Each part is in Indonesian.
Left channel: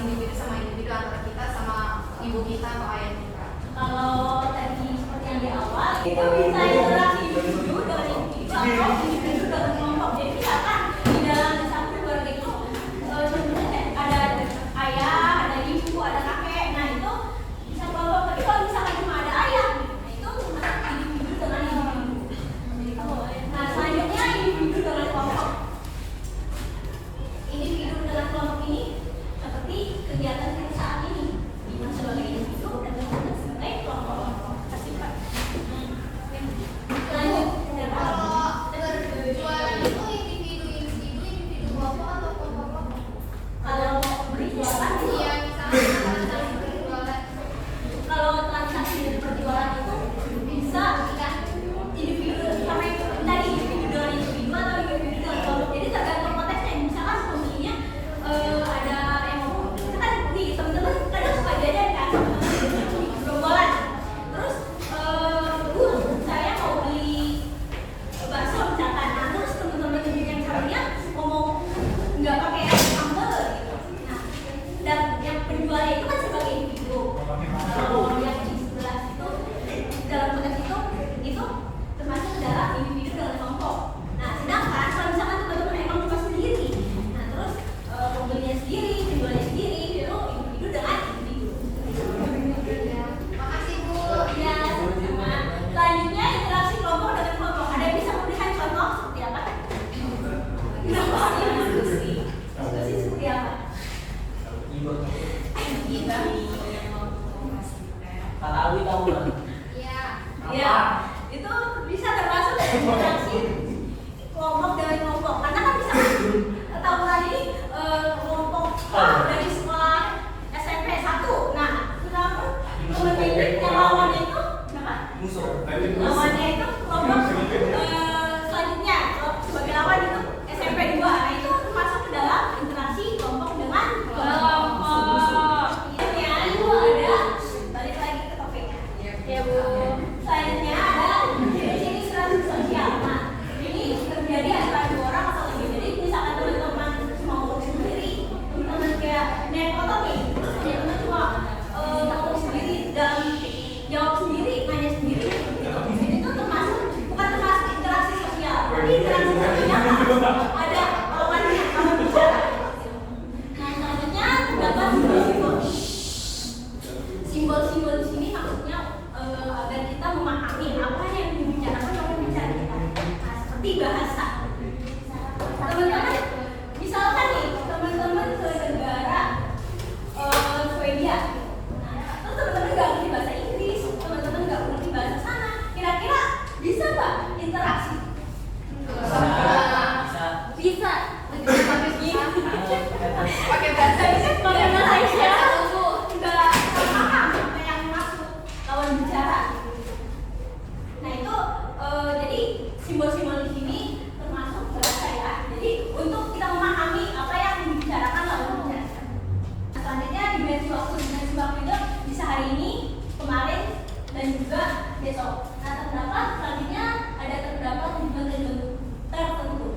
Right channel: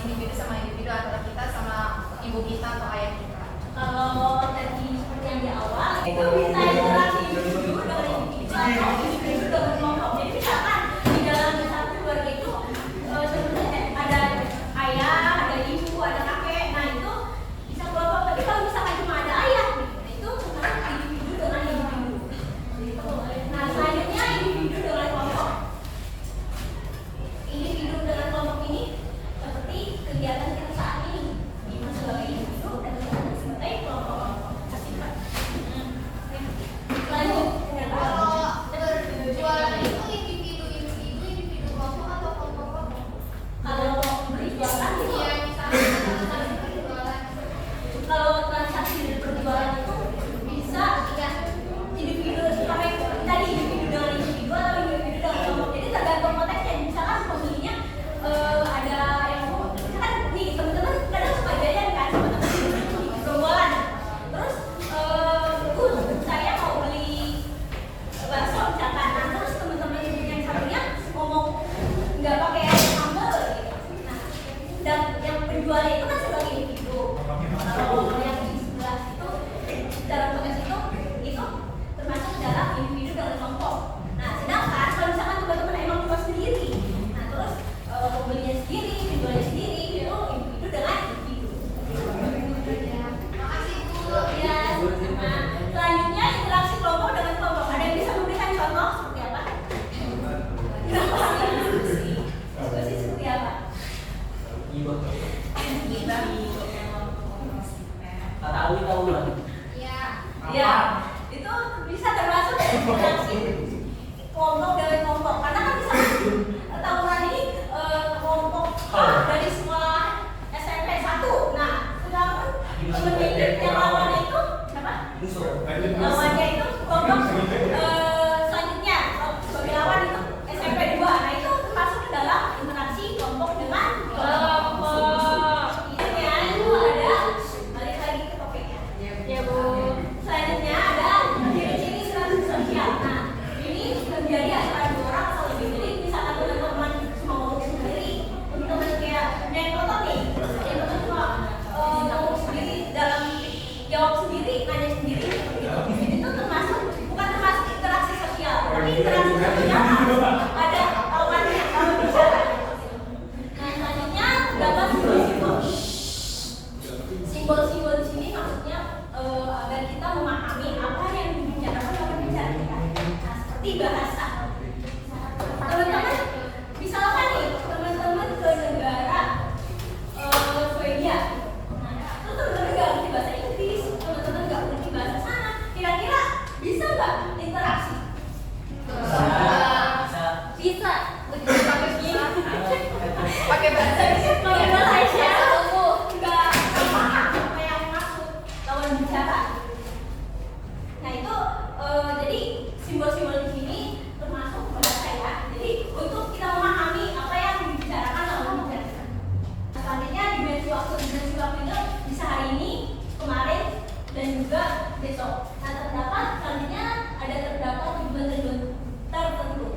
individu sama individu, antara kita sama ibu kita atau ayah kita. Kalau tadi seperti yang di awal itu bisa interaksi individu dengan individu atau individu dengan kelompok. Jadi misalkan di dalam satu keluarga itu sebenarnya ada ayah, ada ibu, ada kakek. Nah itu bisa kelompok. Tapi kalau misalkan cuma ada ayah, itu cuma individu dengan individu. Nah selanjutnya individu dengan kelompok. Individu dengan kelompok ini seperti kegiatan kita saat ini sebagai individu dan sebagai kelompok sifat. Kalau berjualan itu individu kelompok atau kelompok? Kalau berjualan itu Iya, misalnya transaksi berjualan. kalau transaksi berjualan itu bisa individu sama tadi individu dengan individu atau individu dengan kelompok. Jadi tergantung konteksnya. Misalkan posisinya ada yang ngomong, misalkan nih teman-teman kadang suka jajan kan sama teman-teman di gerombolan. Terus saya mau beli bakso misalkan. Nah, terus teman-teman yang satunya ngomong nggak pakai sambal gitu. Nah, dan yang penjualnya itu kan sebagai individu. Kalau yang di sebelah itu dalam konteks itu termasuk dalam individu dengan kelompok. Nah, sedangkan kalau misalkan teman-teman emang cuma sendiri, nah terus pembelinya sendiri, penjualnya sendiri, itu individu dengan individu. Makasih Bu. Ya, sama. Selanjutnya interaksi kelompok dengan kelompok. Ada yang bisa memberikan contoh seperti apa? Diskusi seperti apa? Tahu nggak? Iya. Ya, itu bisa termasuk interaksi kelompok dengan kelompok. Karena kan bisa tahunan ini kelompok dari sekolah SMP 1. Nah, sedangkan teman yang lawannya itu siapa? Lawannya itu kelompok selanjutnya sebagai lawan itu SMP 2. Nah, itu termasuk ke dalam interaksi kelompok dengan kelompok. Intinya itu ada balik lagi ke topiknya. Ya Bu. Selanjutnya ada ciri-ciri interaksi sosial. Nah, ini terjadi antara dua orang atau lebih. Jadi misalkan teman-teman mau sendiri, teman kayak naik motor nih, teman cuma mau sendiri dalam jawab sendiri, nanya sendiri, itu termasuk bukan termasuk interaksi sosial, tapi interaksi sosial ada lawannya kalau bicara. Nah selanjutnya terdapat simbol-simbol. Simbol-simbol di sini maksudnya agar kita memahami apa yang dibicarakan oleh pembicara kita. Nah, seperti bahasa. Teman-teman, misalkan nih teman-teman ke negara Swedia. Nah, terus teman-teman nggak ngerti bahasa Inggris, teman-teman nggak ngerti bahasa sana. Kira-kira bisa nggak interaksi? Bisa. Pakai bahasa Karena saya nggak paham apa yang maksud lawan bicara. Nah itu jadi simbol-simbol di sini termasuk bahasa ya. Jadi untuk kita memahami apa yang dibicarakan lawan bicara. Selanjutnya dimensi waktu itu bisa hari ini, kemarin, dan juga besok. Nah terdapat selanjutnya terdapat tujuan tertentu.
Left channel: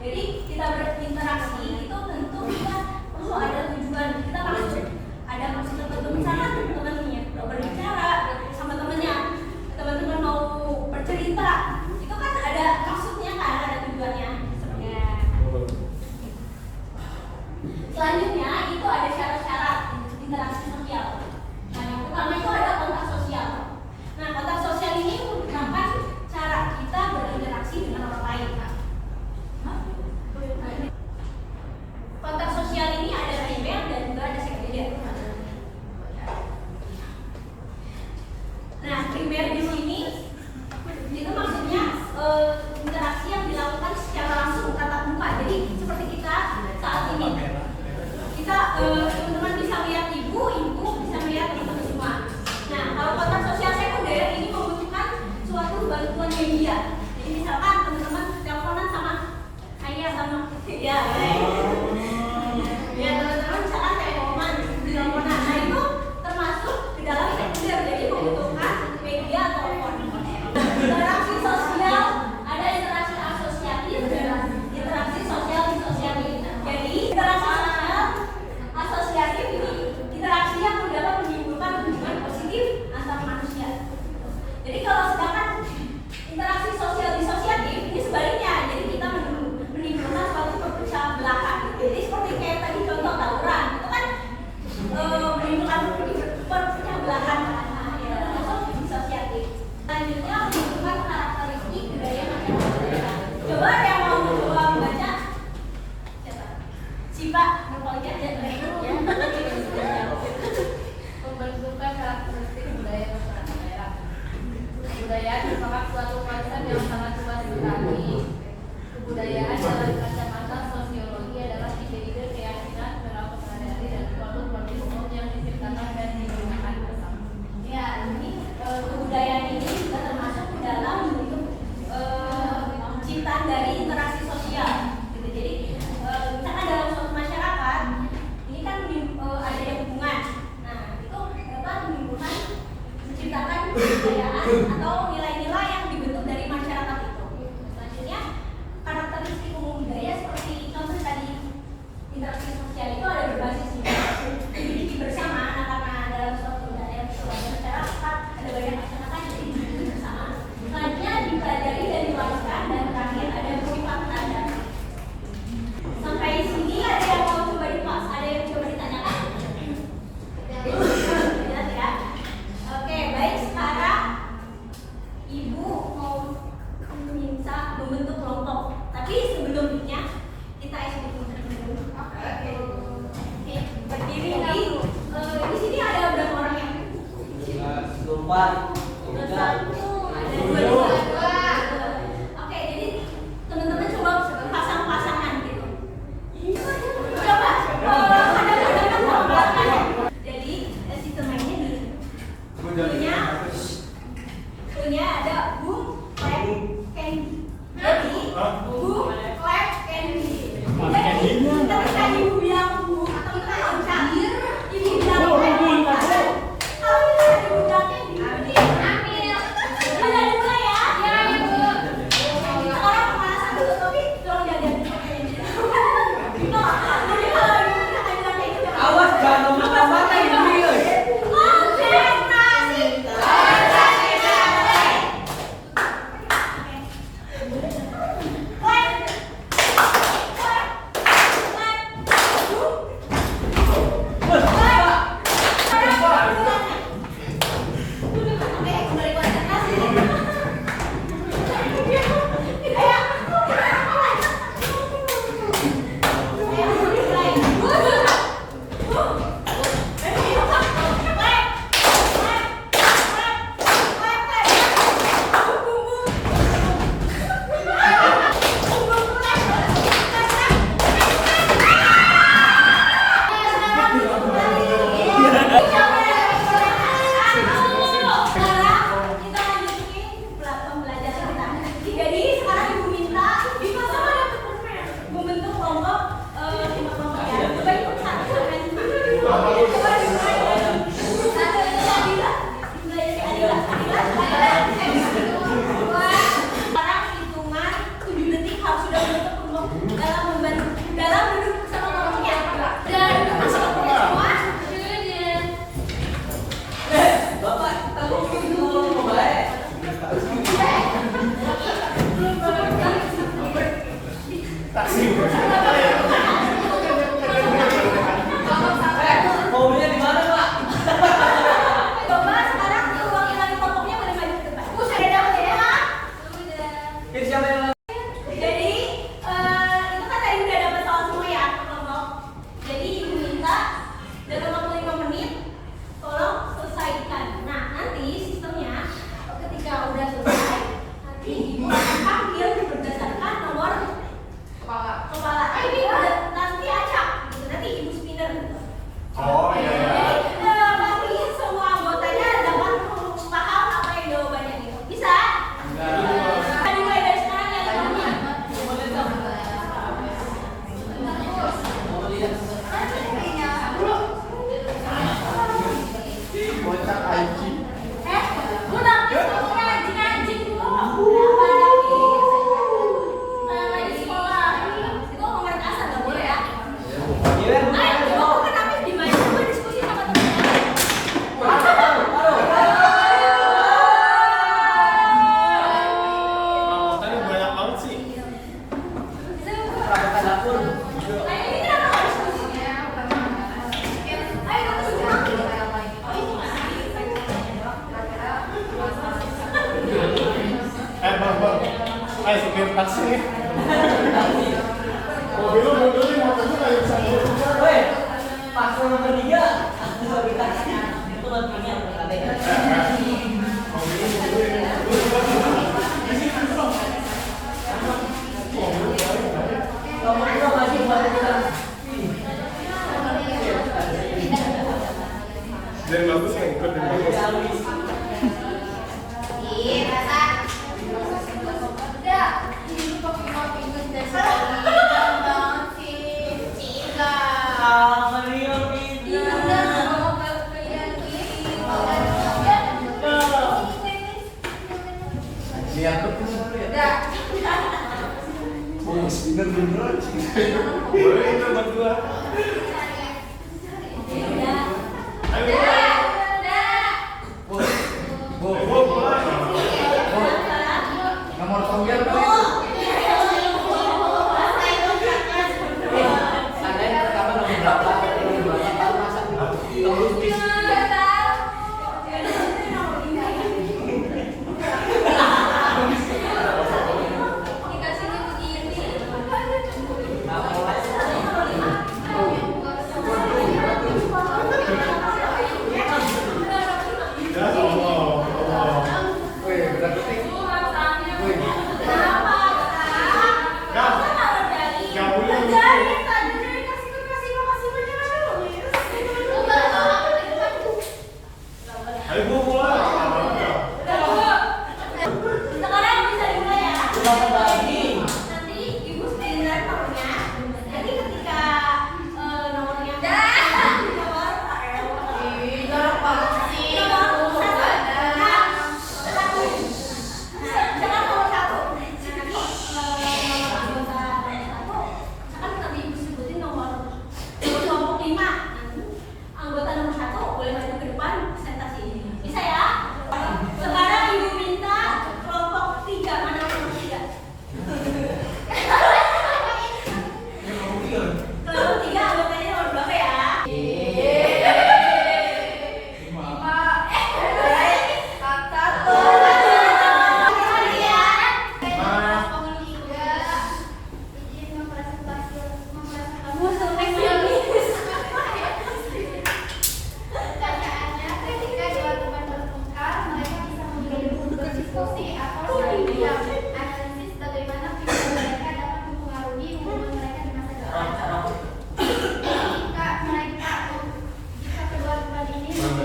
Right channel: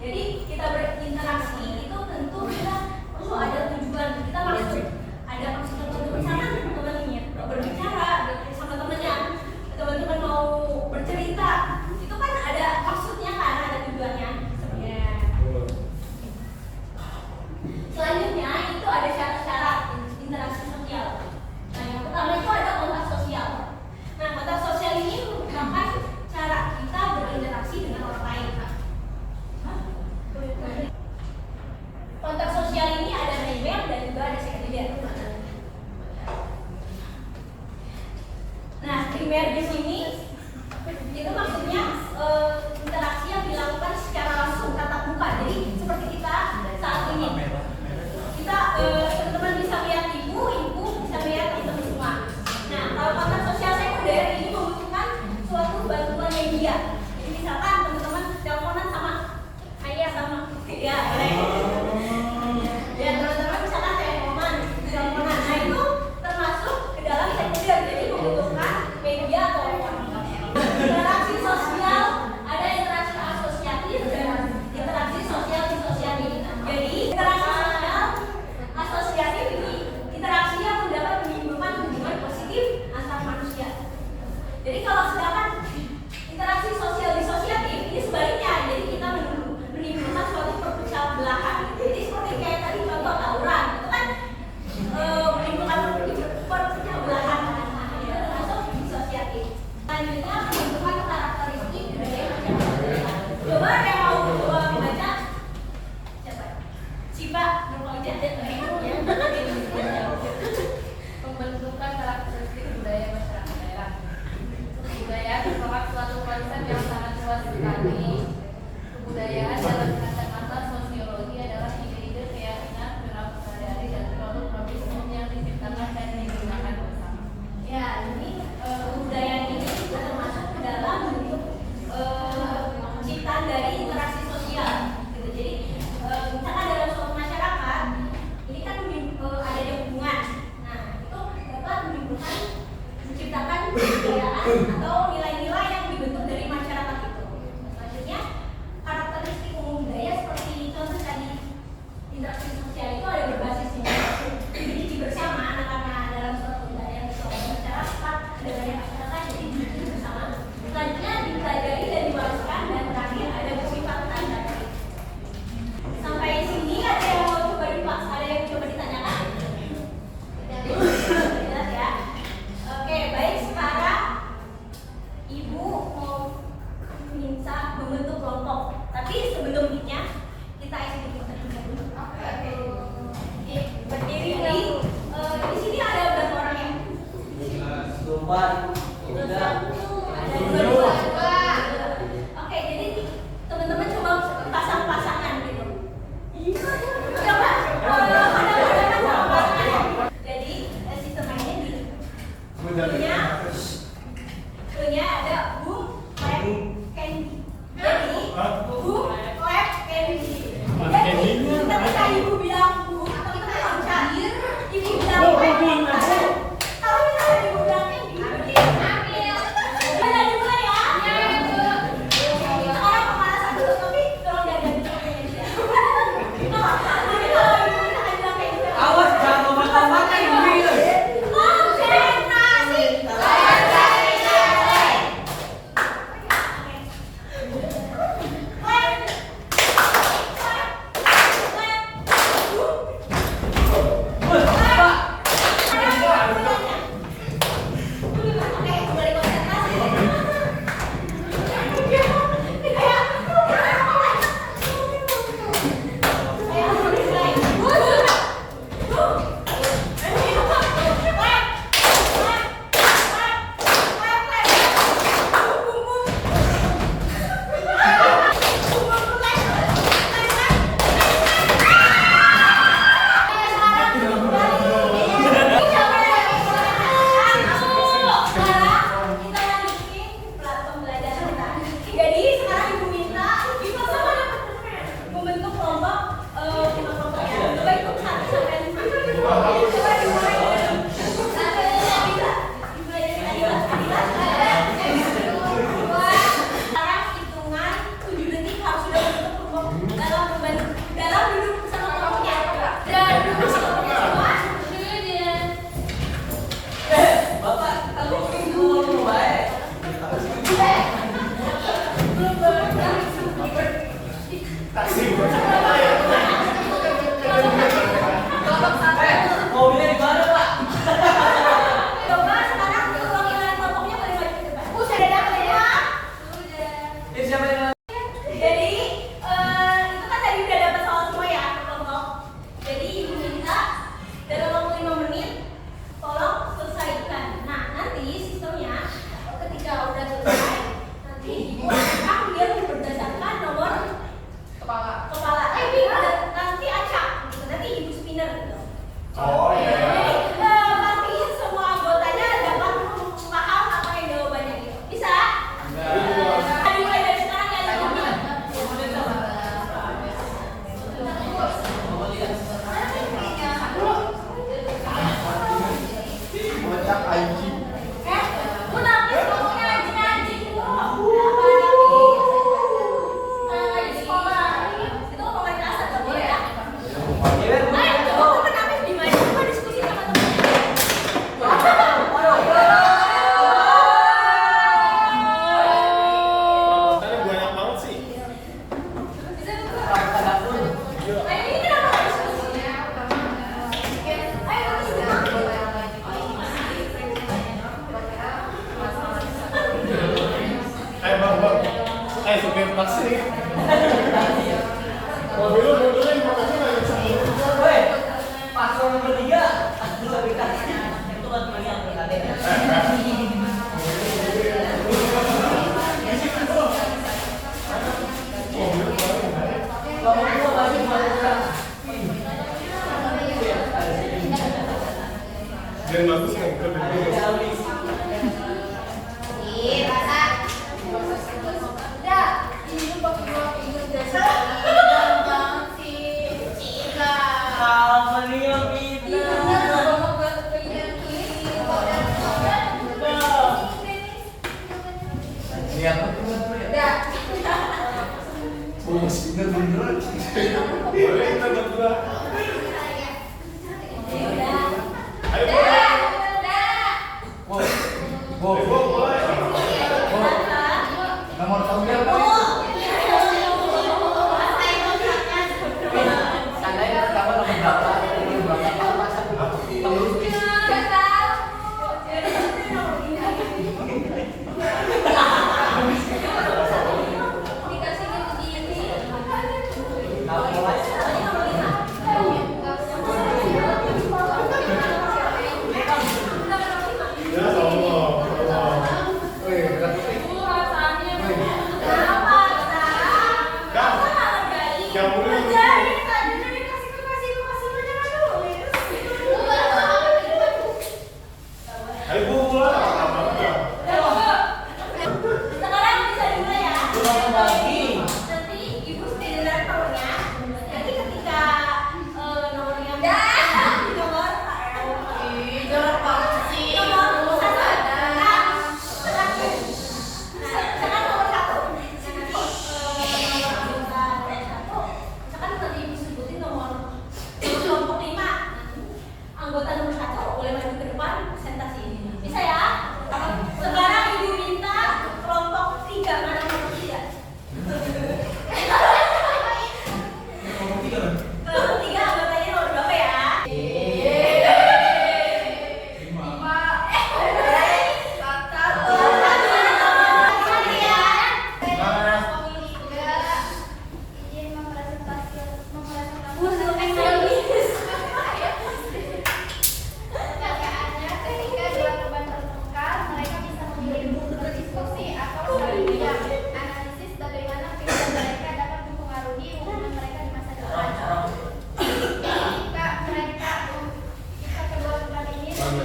Jadi kita berinteraksi itu tentu kita perlu ada tujuan. Kita maksud ada maksud tertentu. Misalkan teman-temannya berbicara sama temannya, teman-teman mau bercerita, itu kan ada maksudnya kan, ada tujuannya. Sepertinya. Selanjutnya itu ada syarat-syarat interaksi sosial. Nah yang pertama itu ada kontak sosial. Nah kontak sosial ini atau nilai-nilai yang dibentuk dari masyarakat itu. Selanjutnya, karakteristik umum budaya seperti contoh tadi interaksi sosial itu ada berbasisnya. Jadi bersama anak-anak dalam suatu budaya masyarakat ada banyak masyarakat jadi hidup bersama. Selanjutnya dipelajari dan diwariskan dan terakhir ada bersifat tradisi. Sampai sini ada yang mau coba dipaks, ada yang coba ditanyakan? Jelas ya? Oke, baik, sekarang Ibu mau minta membentuk kelompok. Tapi sebelumnya kita ikuti terlebih dahulu. Oke, berdiri dulu. Di sini ada berapa orang ya? Empat. Ada dua. Oke, jadi teman-teman coba pasang-pasangan gitu. Coba. Jadi sistem mainnya di punya ada boom, clap, candy. Jadi boom, clap, candy. Jadi ketika ibu bilang boom, kita loncat. Ibu bilang clap, kalau misalnya ibu bilang candy, berarti ambil. Udah dimulai ya? Ya, Ibu. Sekarang pemanasan dulu, tapi tolong jangan diambil. Tuh, jadi kalau ibu misalkan bilang kayak gitu. Awas jangan lompat-lompat ini. Konsentrasi. Membentuk kelompok lima kelompok ya. Coba ikut 1 sampai 5. Sekarang hitungan 7 detik harus sudah membentuk kelompok dalam duduk bersama kelompoknya. Dan duduk bersama kelompoknya semua. Bapak, kamu dulu baik. Mobilnya di mana, Pak? Coba sekarang perwakilan kelompoknya boleh maju ke depan. Sudah dapat ya? Ini siapa yang Jadi itu kan tadi udah dapat soal semua ya kelompok. Jadi ibu minta dalam waktu 5 menit tolong selesaikan. Nah nanti sistemnya ketika udah selesai nanti ibu akan panggil berdasarkan nomor kepala. Ini nanti acak. Nanti ibu spinner gitu. Oh iya. Jadi pastiin semua anggotanya dapat paham apa yang jawabannya gitu. Bisa? Bisa. Dimulai dari sekarang ya teman-teman. Bocah IG. Udah besoknya anjing dulu. Apalagi lagi sekolah. Itu komunitas nggak boleh ya? Ayo, kenapa gimana? Coba diskusi sama teman-teman. Ini banyak banget sih. Ayo, ini kenapa nggak diskusi? Ayo, Bang. Supir taksi. Mobil lu dulu motornya nggak bisa. Hei, pas yang bertiga, bisa dikasih. Itu kan punya tadi. Kamu juga masih balik. Dari bagus nih, ke dulu.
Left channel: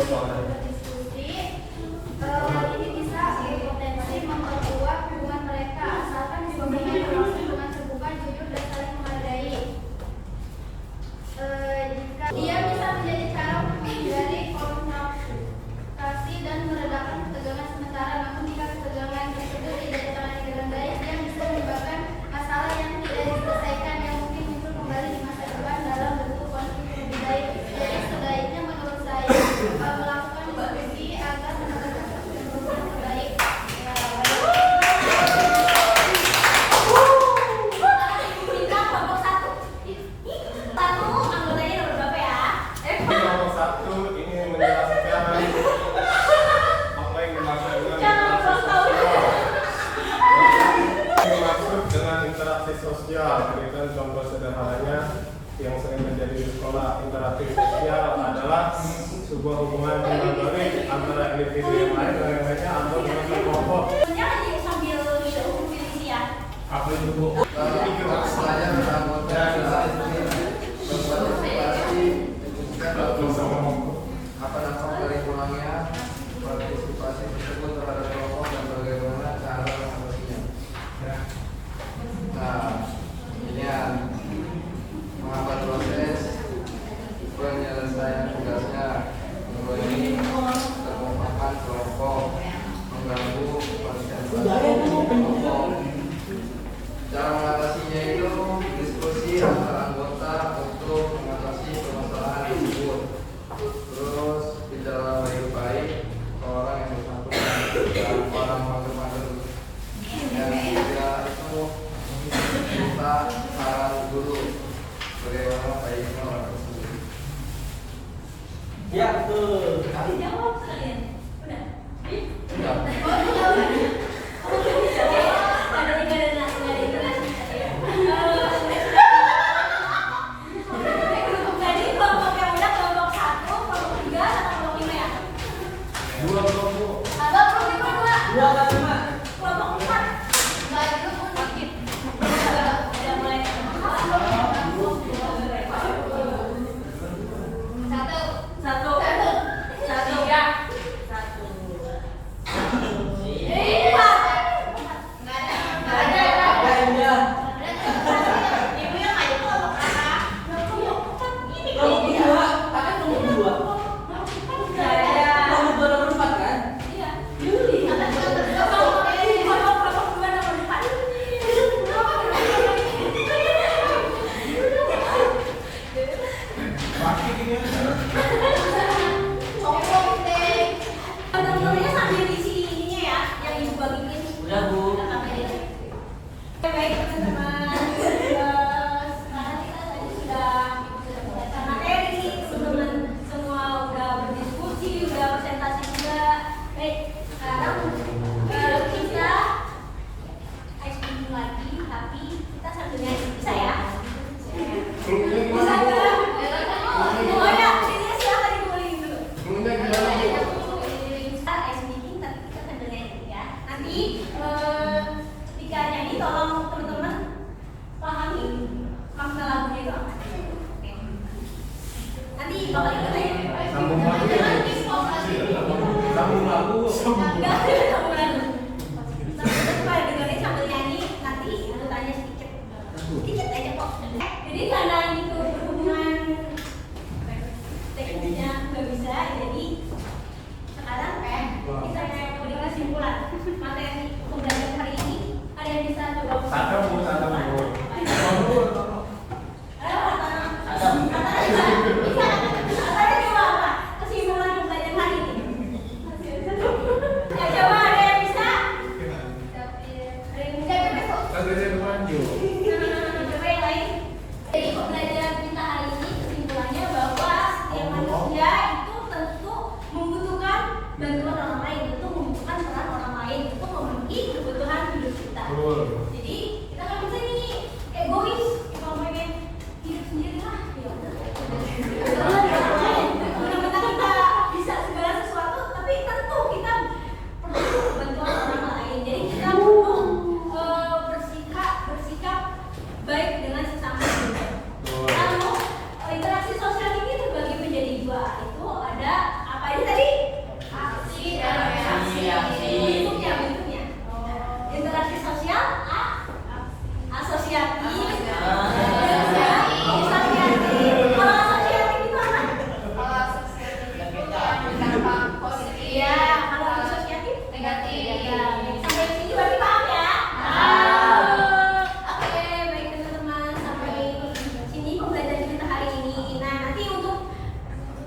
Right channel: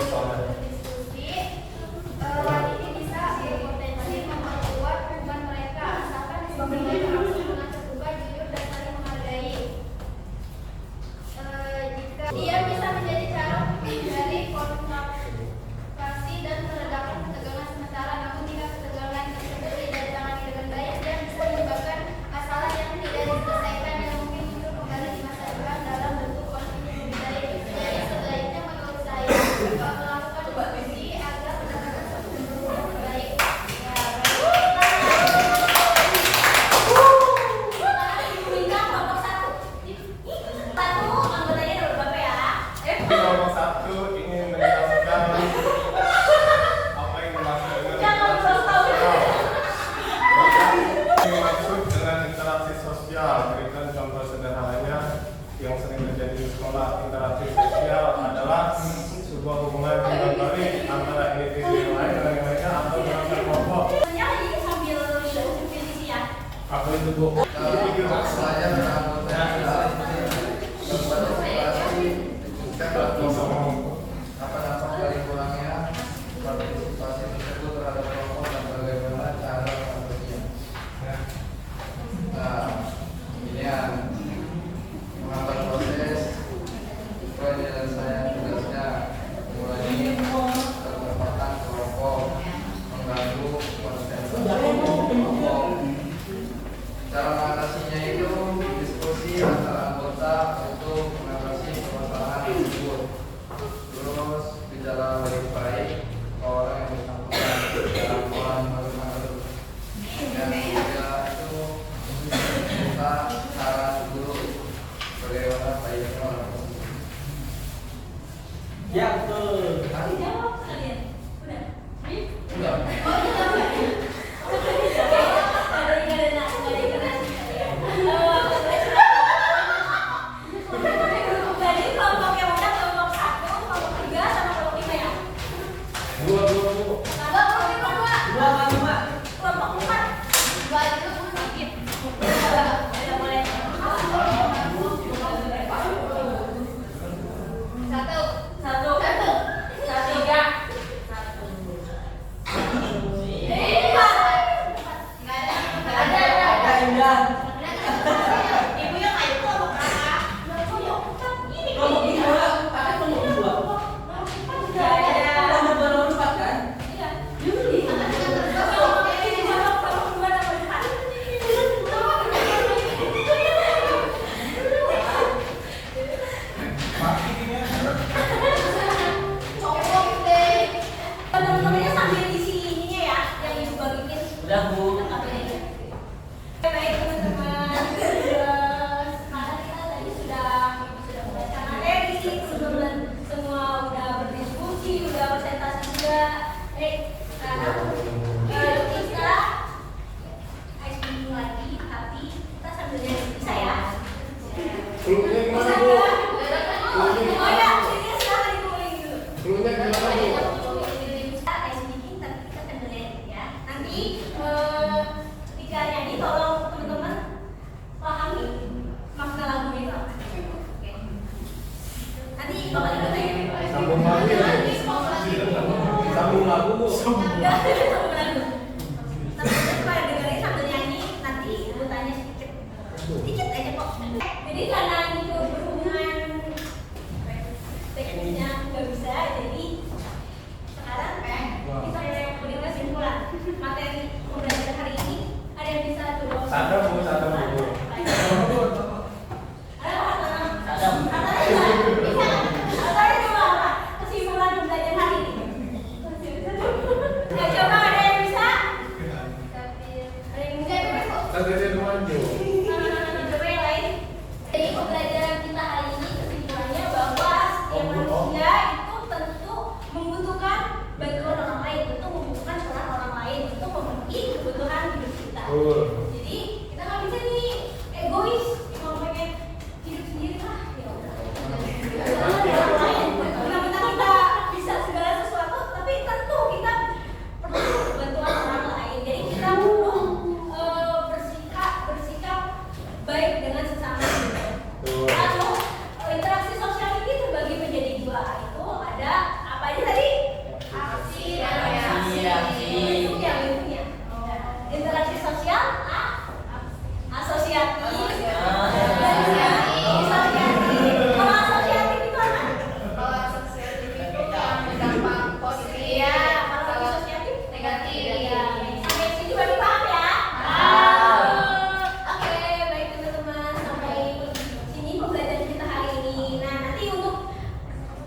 berdiskusi. Hal ini bisa berpotensi memperkuat hubungan mereka asalkan disebutkan dengan terbuka, jujur, dan saling menghargai. Jika dia bisa menjadi cara dari komunikasi dan meredakan ketegangan sementara, namun jika ketegangan tersebut tidak ditangani dengan baik, dia bisa menyebabkan masalah yang tidak diselesaikan yang mungkin muncul kembali di masa depan dalam bentuk konflik lebih baik. Jadi sebaiknya menurut saya melakukan diskusi agar mendapatkan solusi yang terbaik. Bintang kelompok 1. Satu anggotanya nomor berapa ya? Kelompok 1 ingin menjelaskan apa yang dimaksud dengan dimaksud dengan interaksi sosial. Berikan contoh sederhananya yang sering terjadi di sekolah. Interaksi sosial adalah sebuah hubungan yang baik antara individu yang lain dan yang lainnya atau dengan kelompok. Sebenarnya lagi sambil minum ini ya. Aku itu bu. Saya anggota apa dampak dari kurangnya partisipasi tersebut terhadap kelompok dan bagaimana cara mengatasinya. Nah, ini yang menghambat proses penyelesaian tugasnya. Kedua ini merupakan kelompok mengganggu konsentrasi kelompok. Cara mengatasinya itu diskusi antar anggota untuk mengatasi permasalahan tersebut. Terus bicara baik-baik ke orang yang bersangkutan dan orang mager-mager. Dan ketiga itu minta saran guru bagaimana baiknya orang tersebut. Ya betul. Dijawab kalian. Udah. Udah. Oh, dijawab. Ada tiga dan jadi kelompok yang udah kelompok 1, kelompok 3, sama kelompok 5 ya? Dua kelompok. Abang kelompok 2. Dua kan lima. Kelompok 4. Dua itu pun sedikit. Udah mulai. Satu. Satu. Tiga.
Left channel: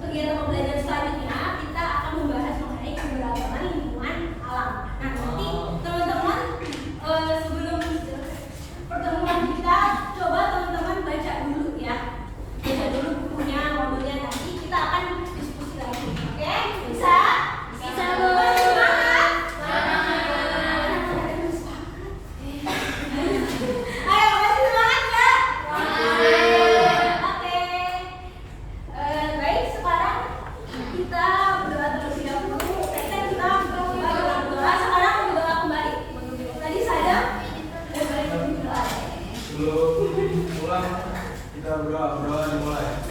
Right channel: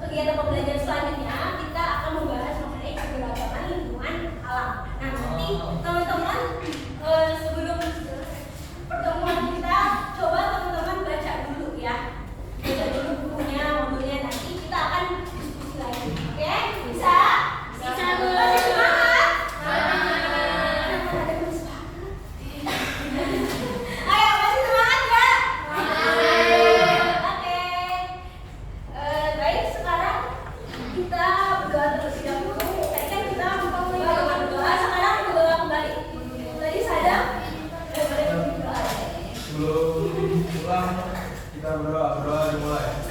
kegiatan pembelajaran selanjutnya kita akan membahas mengenai keberagaman lingkungan alam. Nah, nanti teman-teman sebelum pertemuan kita coba teman-teman baca dulu ya. Baca dulu bukunya, modulnya, nanti kita akan diskusi lagi. Oke? Bisa? Bisa, Bu. Masih semangat? Ayo, masih semangat nggak? Oke. Baik, sekarang kita berdoa terus ya. Kita berdoa. Sekarang berdoa kembali. Tadi saya boleh berdoa. Sebelum pulang kita berdoa dimulai.